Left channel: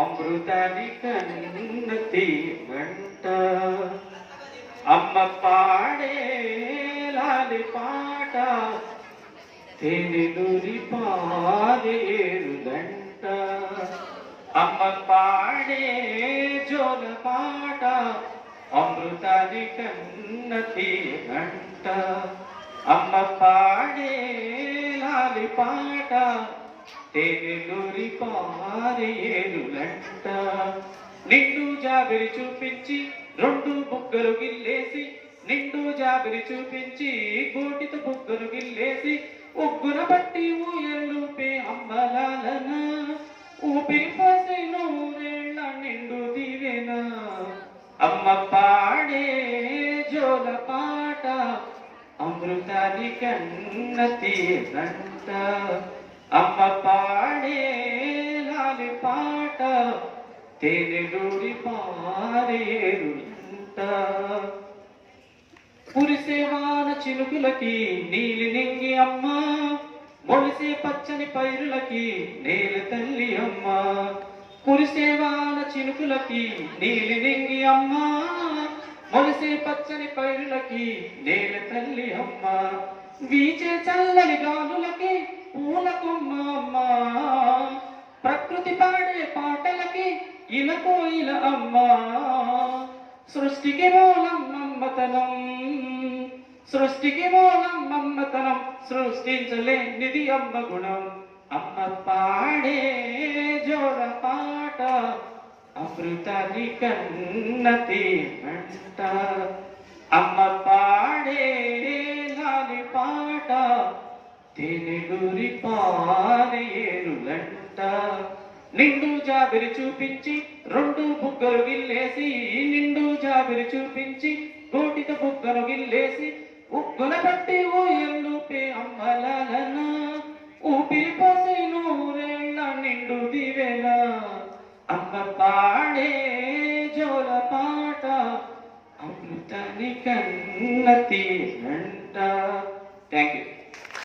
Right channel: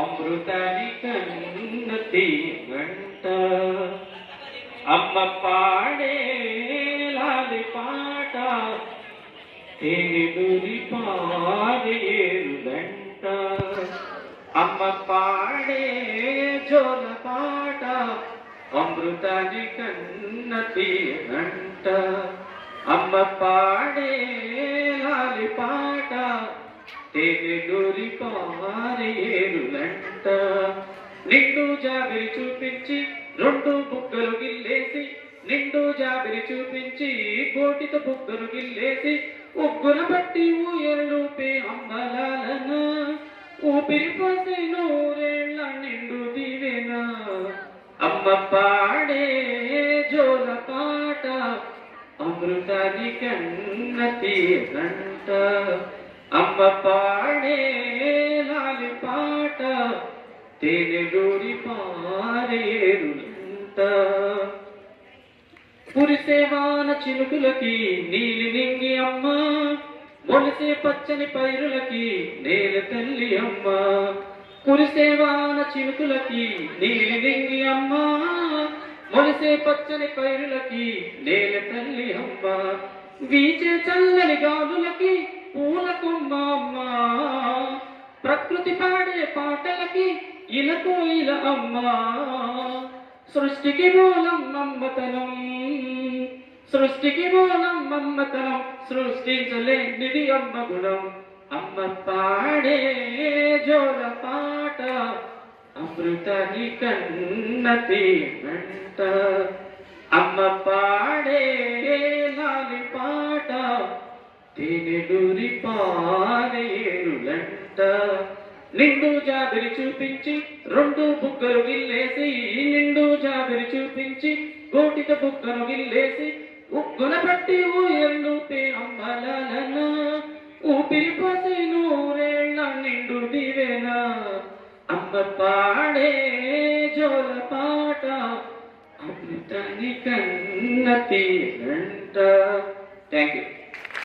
అమృతాని కన్నతి గంట అమ్మ పాడే లాలి పాట తేనెలూరి పారేరుదంట అమ్మ పాడే జోల పాట అమృతాని కన్నతి గంట అమ్మ పాడే లాలి పాట తేనెలూరి పారేరులంట నిండు జాబిరి చూపించి రెండు బుగ్గలు గిల్లేసి నిండు జాబిరి చూపించి కోటిత బుగ్గలు గిల్లేసి ఉగ్గున బట్టి ఊయలుపే అమ్మలాలన ఊపిరి పోసి నూరేళ్ళ నిండు దివేన అమ్మ పాడే జోల పాట అమృతాని కన్నతి గంట అమ్మ పాడే లాలి పాట తేనెలూరి పారేరులంట కురిసేవాన చిలుకులకి నీలి నింగి అమ్మ మొలిసే పచ్చని పైరులకి నేల తల్లి అమ్మ కురిసేవాన చిలుకులకి నీలి నింగి అమ్మ మొలిసే పచ్చని పైరులకి నేల తల్లి అమ్మ వీచే చల్లని గాలులకి పూల కొమ్మ అమ్మ ప్రకృతి పాడే పాటలకి ఇలకోయిల అమ్మ సృష్టికి మూలం మమ్మతనం సృష్టికి మూలం మమ్మతనం సృష్టించలేనిది అమ్మ గుణం అమ్మ పాడే జోల పాట అమృతాని కన్నతి గంట అమ్మ పాడే లాలి పాట తేనెలూరి పారేరులంట నిండు జాబిరి చూపించి రెండు బుగ్గలు గిల్లేసి నిండు జాబిరి చూపించి కోటిక బుగ్గను గిల్లేసి ఉగ్గున పట్టి ఊయల్లుపే అమ్మలాలన ఊపిరి పోసి నూరేళ్ళ నిండు దివేన అమ్మ పాడే జోల పాట అమృతాని కన్నతి గంట థ్యాంక్ యూ